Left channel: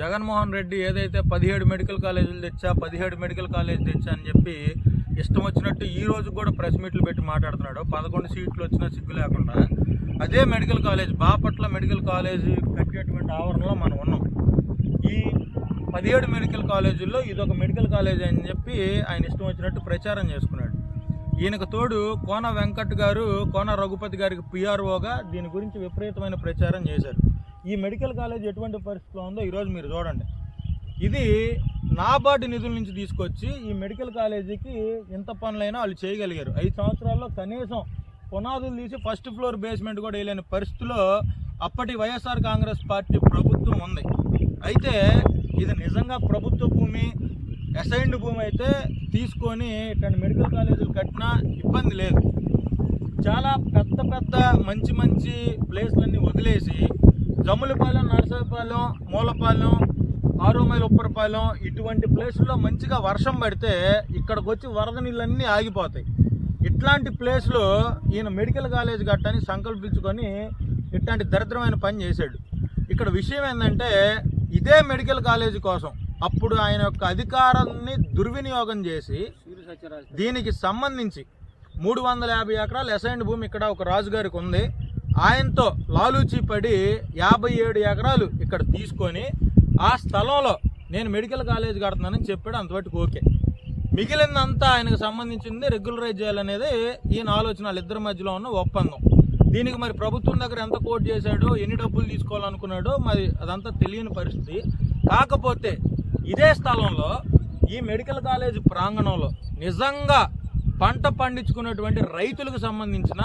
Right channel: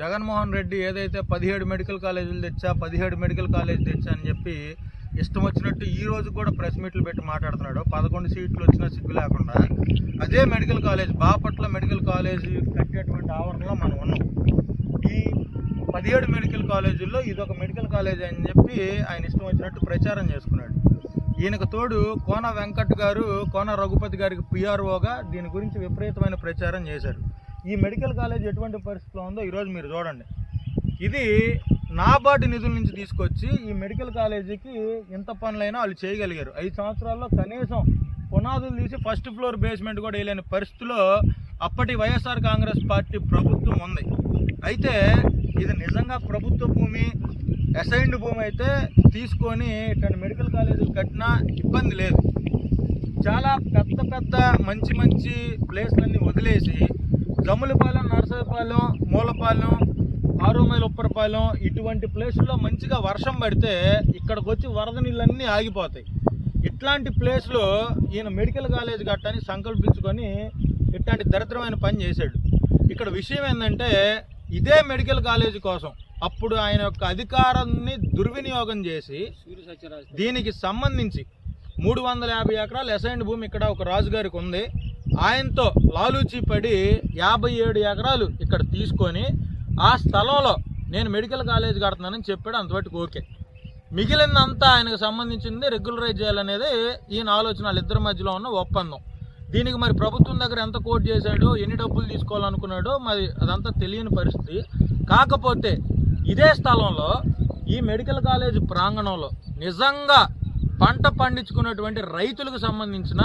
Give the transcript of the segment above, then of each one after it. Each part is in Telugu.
జగన్మోహన్ రెడ్డి ఏదైతే పదిహేడు మెడికల్ కాలేజీలు తెచ్చా పదిహేడు మెడికల్ కాలేజ్ తెచ్చా అని చెప్పి ఇష్టం వచ్చినట్టు ఈ రోజు కూడా ప్రెస్ మీట్లు పెట్టి మాట్లాడుతున్నాడు. పదకొండు సీట్లు వచ్చినా సిగ్గు లేకుండా. అదే medical college Bapatla medical college కట్టేటువంటి ఆవరణలో మనం ఉన్నాం. ఈ పదిహేడు మెడికల్ కాలేజీల్లో ఇది ఒక మెడికల్ కాలేజ్ అని చెప్పి ఆయన ఇష్టం వచ్చినట్టు ప్రచారం చేసుకున్నాడు. ఈయనకు తోడు కోన వెంకట్ గారు కోన రఘుపతి గారికి పిఆర్ఓగా దీని గురించి విపరీతమైన ప్రచారం చేశారు. ఈ మెడికల్ కాలేజ్ ఎటువంటి పరిస్థితిలో ఉందో ఈరోజు మీరు చూడండి. ఇది నాబార్డు నిధుల నుంచి తీసుకొచ్చి ఈ మెడికల్ కాలేజీకి ఎంత పనులైనా వాళ్ళు చేయగలిగారు. ఐదు సంవత్సరాల్లో కనీసం పునాదులు తీసి ఫస్ట్ ఫ్లోర్ బేస్మెంట్ కూడా వేయలేని పరిస్థితిలో అప్పటి వైఎస్ఆర్ కాంగ్రెస్ పార్టీ ప్రభుత్వం ఉంది. అయితే ఇది నిజంగా ప్రభుత్వ భూమి అసైన్డ్ భూమి అయితే తీసుకొని ఇట్లాంటి మెడికల్ కాలేజీలు కట్టినా ఇబ్బంది లేదు. చాలా పెద్ద పెద్ద మంచి మంచి ప్లేస్లన్నీ వదిలేసి జమ్ములపాలెం నరసపాలెం మూలపాలెం ఆరు మైలు ఉప్పరపాలెం ఇటువంటి ప్లేసుల్లో మంచిగా వర్షం పడితే ఇక్కడికి వచ్చి వరద నీళ్ళన్నీ ఆగిపోతాయి. ఇట్లాంటి ప్లేస్లో ఈయన మెడికల్ కాలేజ్ కట్టని సంకల్పించుకొని ఇట్లాంటి దరిద్రమైన పని చేశాడు. ఇక్కడ విషయం ఏంటంటే ఇదే మెడికల్ కాలేజ్ కోసం అప్పుడు ఆయన యొక్క అధికారాన్ని దుర్వినియోగం చేసి దీనికి సంబంధించి మూడు వందల యాభై ఎకరాలు అసైన్డ్ భూమి ఇక్కడ ఒక రాజుగారికి ఉంది. ఆయనతో లాలూచీ పడి యాభై ఏడు ఎకరాలు ఇక్కడ తీసుకొని ఆ స్థలంలో నేను మెడికల్ కాలేజ్ కడుతున్నానని చెప్పాడు. అంతవరకు ఓకే. మిగిలినంతా ఆయనకు సంబంధించింది రెగ్యులరైజ్ చేయాలనేది ఈయన ఆలోచన వాళ్ళిద్దరి మధ్యలో ఉన్న ఒప్పందం. దీనికి మరి ప్రభుత్వం దగ్గర ఎంత కోట్ చేశాడో ఎన్ని డబ్బులు తీసుకోవాలనుకున్నాడో మరి అదంతా తెలియని పరిస్థితి. కాకపోతే ఇదే స్థలంలో ఈ మెడికల్ కాలేజ్ ప్రాంగణంలో నిజంగా పంట పండించుకున్నటువంటి రైతులకు సంబంధించిన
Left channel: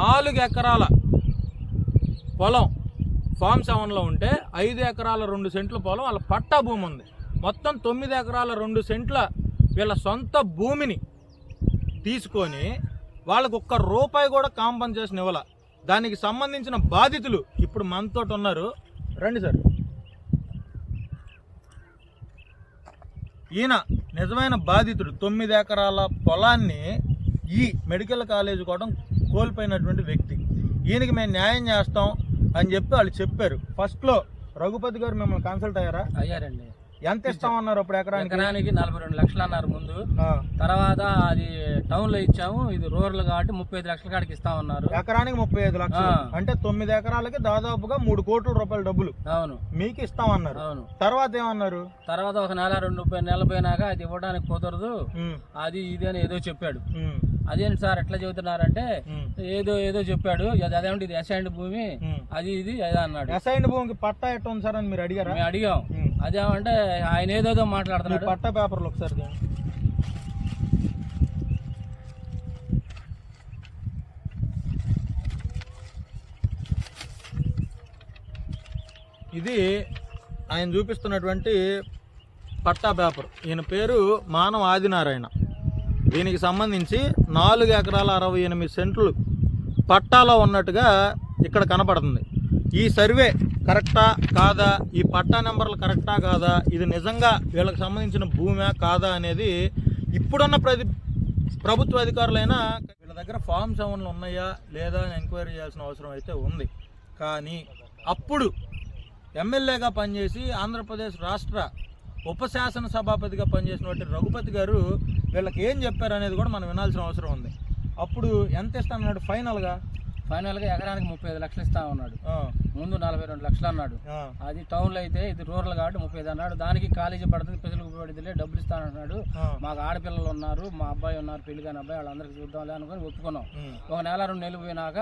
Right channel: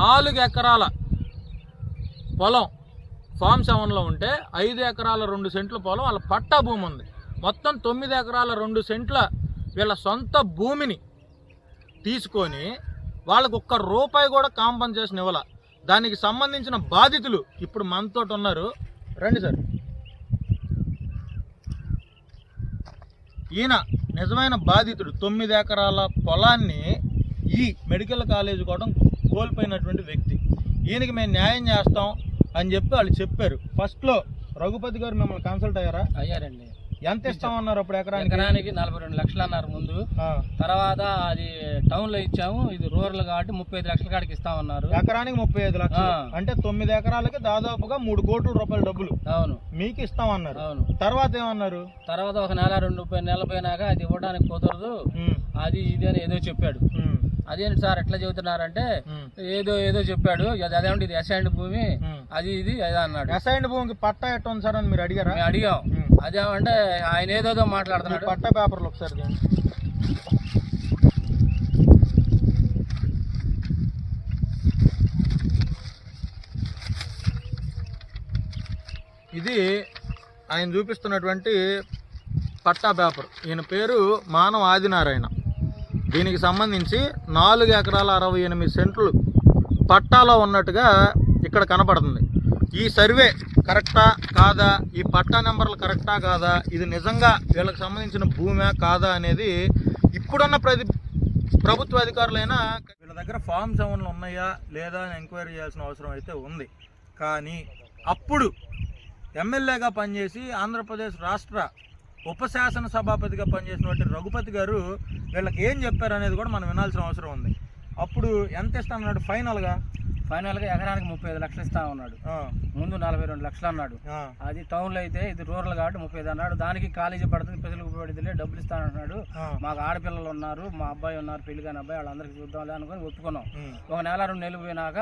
నాలుగు ఎకరాల పొలం ఫామ్ సెవెన్లో ఉంటే ఐదు ఎకరాల రెండు సెంట్ల పొలం వాళ్ళ పట్టా భూమి ఉంది. మొత్తం తొమ్మిది ఎకరాల రెండు సెంట్ల వీళ్ళ సొంత భూమిని తీసుకొని వాళ్ళకు ఒక్క రూపాయి కూడా కాంపన్సేషన్ ఇవ్వాల. దానికి సంబంధించిన బాధితులు ఇప్పుడు మనతో ఉన్నారు. రండి సార్. ఈయన నిజమైన బాధితుడు. తొమ్మిది ఎకరాల పొలాన్ని ఈ మెడికల్ కాలేజ్ కూడా కోల్పోయినటువంటి వ్యక్తి. ఈయనకి మేము న్యాయం చేస్తాం అని చెప్పి వాళ్ళు చెప్పారు. ఫస్ట్లో రఘుపతి గారు మిమ్మల్ని కన్సల్ట్ అయ్యారా? అయ్యారండి. ఎంత ఇస్తామన్నారు అప్పుడు ఎకరానికి? ఎకరానికి నలభై రెండు లక్షలు అన్నారు ముందు తర్వాత అది టౌన్లో ఇచ్చాము. ఇది రూరల్ కాబట్టి ముప్పై ఐదు లక్షల కాడికి ఇస్తామన్నారు. ఎకరానికి ముప్పై ఐదు లక్షలు. అంటే తొమ్మిది ఎకరాలకి దాదాపుగా మూడు కోట్ల రూపాయల డబ్బులు. అవును. మీకు ఇస్తామన్నారు. అవును. తర్వాత ఏమన్నారు? తర్వాత ఒక నెల రెండు ముప్పై నెలలు పోయినాక అది ఇవ్వడానికి కుదరదు. అది ఇది అని ఏదో చెప్పాడు. అదేంటి సార్ ఎట్లా చెబుతున్నారంటే ఏదో ఏదో చెప్పాడు. అది అదేమిటి ఇది అసైన్డ్ భూమి. అది ఇది అదే అన్నాడు. అసైన్డ్ భూమికి పట్టా ఎట్ట ఉంది సార్ అని మీరు అడిగారా? మేము అడిగాం. అదేమంటే ఆయన ఏదేదో మాట్లాడుతున్నాడు. పట్టా పేపర్లు ఒకసారి. ఇది ఆయన చూపిస్తున్నటువంటి పట్టా పేపర్. ఈయన పేరు మానవ ఆదినారాయణ. దీనికి సంబంధించి నాలుగు ఎకరాల అరవై ఎనిమిది సెంట్లు పట్టాలో ఉన్నట్టుగా ఇక్కడ కనపడుతుంది. ఈ సర్వే కరెక్టా కాదా? ఈ పట్టా నెంబర్లు కరెక్టా కాదా? ఇది నిజంగా వీళ్ళకి సంబంధించిన భూమా కాదా అనేది ఇప్పుడున్న ప్రతి ప్రభుత్వ అధికారులైనా వీళ్ళ దగ్గర ఫామ్ సెవెన్లు ఉన్నాయా లేదా అని ఎంక్వైరీ చేయాల్సిన అవసరం అయితే ఉంది. కానీ అప్పుడు ఎమ్మెల్యేగా పనిచేసి ఆంధ్రప్రదేశ్ రాష్ట్ర ఉపశాసన సభాపతిగా పనిచేసినటువంటి రఘుపతి గారు వీళ్ళకి ఏం చెప్పారు అనేది కూడా మనం వినాల్సిన అవసరం ఉంది. అప్పుడు ఎంత ఇస్తానన్నాడు ఫైనల్గా ఫైనల్గా? ఎకరానికి ముప్పై ఐదు లక్షలు ఇస్తా ఉన్నాడు ముందు నలభై రెండు లక్షలు అన్నాడు. అది టౌన్లో అయితే ఇది రూరల్ కాబట్టి ముప్పై ఐదు అన్నాడు. దానికి కాలేజీ పడుతుంది పిల్లలకు పడుతుందిలే డబ్బులు ఇస్తానంటున్నాడు మాకు ఆడపిల్లలు ఉన్నారు మా అబ్బాయి ఉన్నారు పెళ్ళి కాని అబ్బాయి వాళ్ళందరికీ చూద్దాంలే అనుకుని ఒప్పుకున్నాం ఒక నెల రెండు నెలలు పోయినాక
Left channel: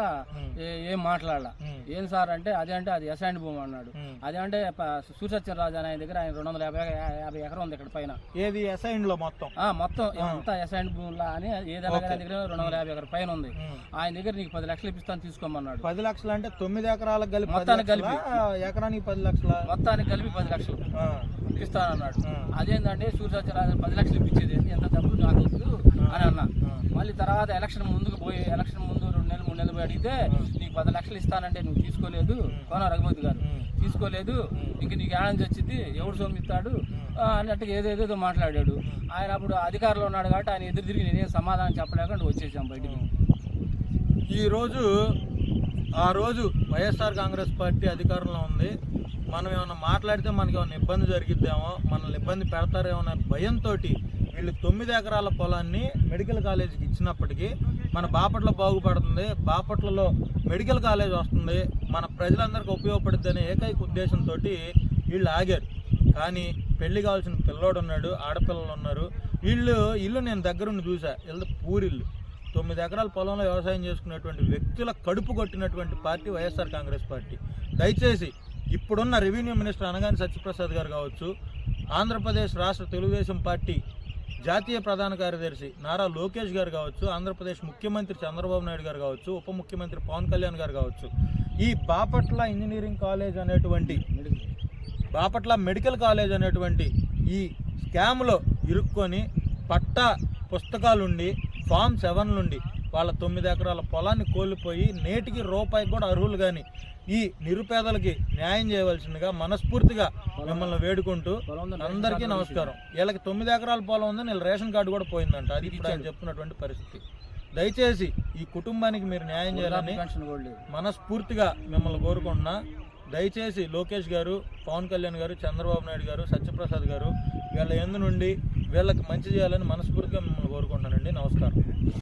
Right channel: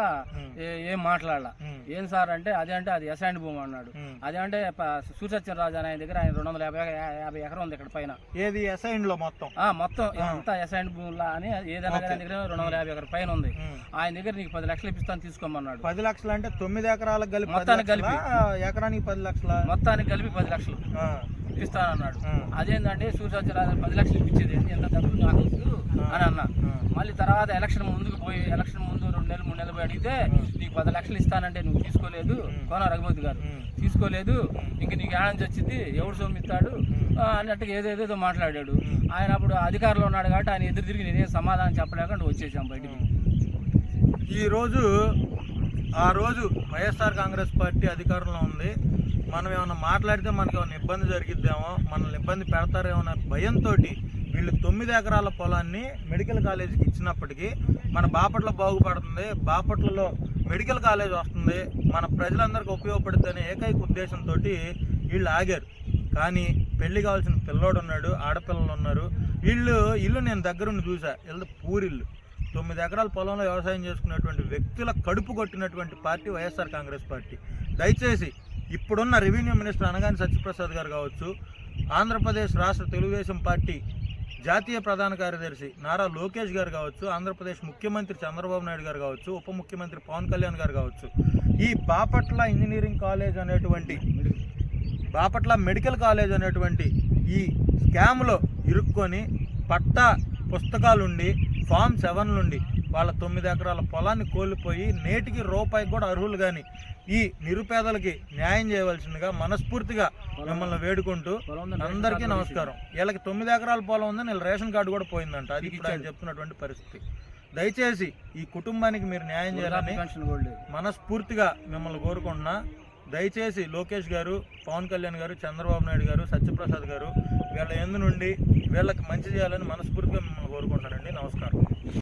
ఏ- ఏం మాట్లాడాల. ఏం సార్ అంటే అదే అంటే అది అసైన్ భూమి అన్నాడు. అదే అంటే సూర్యసత్యం రాజు అనే ఆయన దగ్గర ఆయన రెండు వందల యాభై యాభై ఎకరం ఉంది ఇక్కడ పైన. ఏది అసైన్లో మొత్తం? ఆ మొత్తం అంతా అసైన్ భూములా అని ఏదైనా ఆయన దగ్గర రెండు వందల యాభై ఎకరం పైన ఉంది. ఆయన దగ్గర నీకు పది లక్షలు ఇప్పిస్తాను తీసుకోమన్నాడు. పది లక్షలు అంటే తొమ్మిది ఎకరాలకు కలిపి మొత్తానికి లక్షలా? ఎకరానికి పది లక్షల? మొత్తానికి కలిపి పది లక్షలు ఇప్పిస్తానన్నాడు. అదేంటంటే సూర్యసత్యరాజు పది లక్షలు ఇప్పించేది? ఎంత డబ్బులు నాకు వద్దు అని అన్నా మళ్ళీ తర్వాత ఎలక్షన్ ముందుకు పోయి ఎలక్షన్ ముందు రెండు నెలలు మూడు నెలలు పోయి అడిగితే నీకు పది లక్షలు ఇస్తానంటే నువ్వు తీసుకోలేదు కోన రఘుపతి గారు. తీసుకోలేదు ఇంక నీకు ఏడాది వచ్చింది ఎవడు సొమ్మిస్తాడు ఆ, అన్నట్టుగా ఏదేదేదో మాట్లాడాడు. ఆయన అప్పుడు అధికారంలో ఉన్నాడు కాబట్టి ఆయన ఎదురు తిరిగి నేనేం సమాధానం చెప్పలేకుండా వచ్చేసాం బయటికి. ఈరోజు ఆ రోజు వైఎస్ఆర్ కాంగ్రెస్ పార్టీ అధికారంలో ఉంది. మనం ఏమైనా మాట్లాడితే మనకి ఏమైనా ఇబ్బంది జరిగిద్దామో మనల్ని ఇబ్బంది పెడతారేమో అనే భయంతో వీళ్ళు తొమ్మిది ఎకరాల పొలాన్ని మెడికల్ కాలేజీకి ఇచ్చినప్పటికీ మన బాపట్ల బాగుపడుతుంది. బాపట్లలో మెడికల్ కాలేజ్ వస్తుంది. మన ప్రజలందరికీ ఉపయోగపడుతుందనే ఏకైక ఉద్దేశంతో వీళ్ళు ఆగారు. కానీ పెళ్ళి కావాల్సిన పిల్లోడు ఉన్నాడు ఆడపిల్లలు ఉన్నారు. వీళ్ళు ఇల్లు నేను దగ్గరుండి చూసా. ఇల్లు పూరిల్లు తొమ్మిది ఎకరాల పొలంలో వ్యవసాయం చేసుకున్నటువంటి వ్యక్తుల కడుపు కొట్టినటువంటి పార్టీ వైఎస్ఆర్ కాంగ్రెస్ పార్టీ. దయచేసి ఇప్పుడున్న రెవెన్యూ మినిస్టర్ అనగాని సత్యప్రసాద్ గారు కావచ్చు ఆంధ్రప్రదేశ్ రాష్ట్ర తెలుగుదేశం పార్టీ జాతీయ ప్రధాన కార్యదర్శి నారా లోకేష్ గారు కావచ్చు ఆంధ్రప్రదేశ్ ముఖ్యమంత్రి చంద్రబాబు నాయుడు గారు కావచ్చు ఉప ముఖ్యమంత్రి పవన్ కళ్యాణ్ గారు కావచ్చు. ఈ బాపట్ల ఇంజనీరింగ్ కాలేజ్ అనేటువంటి బాపట్ల మెడికల్ కాలేజ్ అనేటువంటి ఈ స్కామ్లో ఇరుక్కొని పట్టా పుస్తకాలుండి ఫామ్ సెవెన్లుండి వాళ్ళ తొమ్మిది ఎకరాల పొలాన్ని కోల్పోయి నేటికి రూపాయికి కూడా అర్హులు కానీ ఈ నిరుపేదలకి న్యాయం చేయవలసిందిగా మనస్ఫూర్తిగా మిమ్మల్ని వేడుకుంటూ అందరికీ నమస్కారం. వీళ్ళకి తొమ్మిది ఎకరాల పొలం ఉంది వీళ్ళ రేషన్ కార్డు కూడా పోయిందంట. అది ఇప్పుడు ఆయన చెప్తున్నటువంటి పరిస్థితి. దయచేసి ఈ కుటుంబానికి మీరు న్యాయం చేయాలని మనస్ఫూర్తిగా మిమ్మల్ని కోరుకుంటున్నా. దయచేసి లోకేష్ గారు పవన్ కళ్యాణ్ గారు చంద్రబాబు నాయుడు గారు సత్యప్రసాద్ గారు వీళ్ళ ఎందు నుండి వీళ్ళకి మంచి చేయాలని మనస్ఫూర్తిగా మిమ్మల్ని కోరుకుంటున్నానండి. నమస్కారం.